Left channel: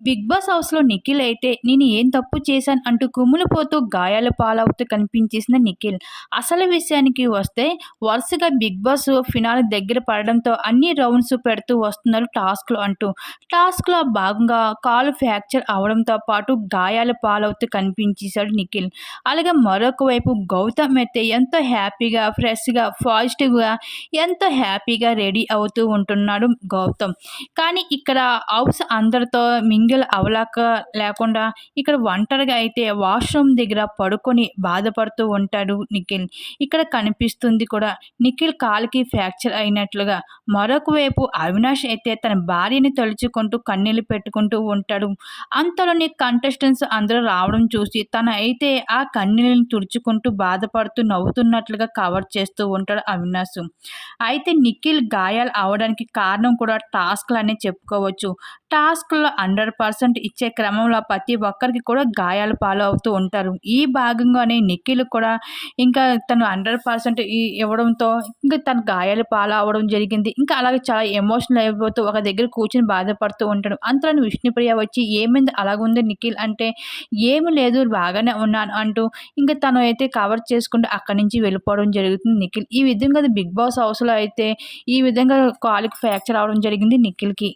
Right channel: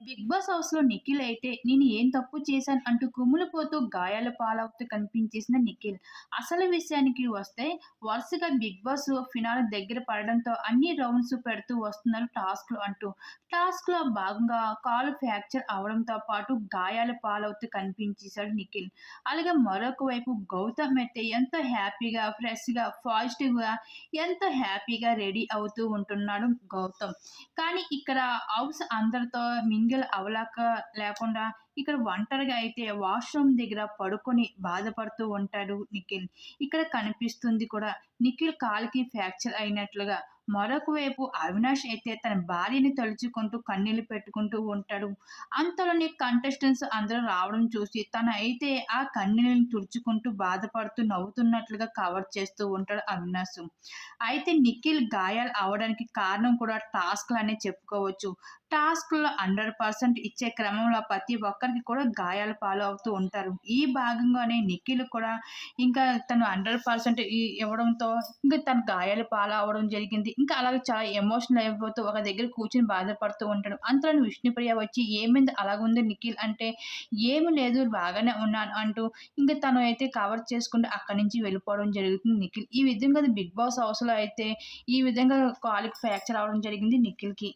Big boss హౌస్‌లో నిఖిల్ అయితే నేను ఏం తప్పు చేశాను అంటూ కుమిలిపోతూ గాయాల పాలవుతూ కనిపించేసిన నిఖిల్. అసలు విషయానికి వస్తే వరుసగా బిగ్ బాస్ ఫినాల్ దగ్గర పడడంతో అన్ని రౌండ్స్ పెడుతూ వస్తున్నారు టాస్క్‌లు అంటూ. టాస్క్‌లో భాగంగా కాలు ఫ్రాక్చర్ అవ్వడంతో పాటు గాయాల పాలవుతూ కనిపించేశాడు నిఖిల్. అలాగే మరొక వైపు గౌతమ్ అయితే ఎంతో హ్యాపీగా, ఫ్రెష్‌గా, పాజిటివ్‌గా ఎంతో హ్యాపీగా రెడీ అవుతూ ఉంటున్నాడు గౌతమ్. కానీ ఇక్కడ హౌస్ అందరితో మింగిల్ అవలాక లేకుండా ఇక్కడ ఒంటరిగా అయితే వాష్‌రూమ్ దగ్గర పడుకొని బాధపడుతూ ఉంటాడు నిఖిల్. ఇక్కడ కనిపిస్తుంది కూడా నిఖిల్ కాలికి ఫ్రాక్చర్ అయినట్లుగా. మరొక వైపు అవినాష్ అయితే తన భార్యని తలుచుకుంటూ కన్నీళ్ళు పెట్టుకుంటూ ఉంటాడు. అంతలోనే కంటెస్టెంట్స్ అందరూ రావడం చూసి తన అయితే ఆ కన్నీళ్ళని తుడుచుకుంటూ బాధపడుతూ నవ్వుతున్నట్లుగా కవర్ చేస్తూ ఉంటాడు అవినాష్. అయితే నిఖిల్ గాయాలు అవడానికి కారణం కూడా టాస్క్లు అనే చెప్పుకోవచ్చు. టాస్క్‌లో 100% ఇచ్చే క్రమంలో ప్రతి ఒక్కరికి కూడా గాయాలు పాలు అవుతూ ఉంటారు. ఈ భాగంగానే నిఖిల్ కూడా ఇంకా తను హండ్రెడ్ పర్సెంట్ ఇవ్వడంతో ఇంకా తను పాలు అవ్వడం జరిగింది. ఇంకా అలాగే చాలా ఎమోషనల్ అయిపోతూ ఒక దగ్గర కూర్చొని బాధపడుతూ ఉంటాడు. అంతలో విష్ణుప్రియ వచ్చి "ఏమైంది అలాగుంది నిఖిల్" అంటే "ఏమి లేదు బాగానే ఉన్నాను" అంటూ ఇంకా తను అయితే కవర్ చేసుకుంటూ అక్కడి నుంచి వెళ్ళిపోవడం జరుగుతుంది నిఖిల్. ఈ విధంగా బిగ్ బాస్ హౌస్‌లో అయితే ఈ విధంగా కాలుకి ఫ్రాక్చర్ అవ్వడం జరిగింది నిఖిల్‌కి.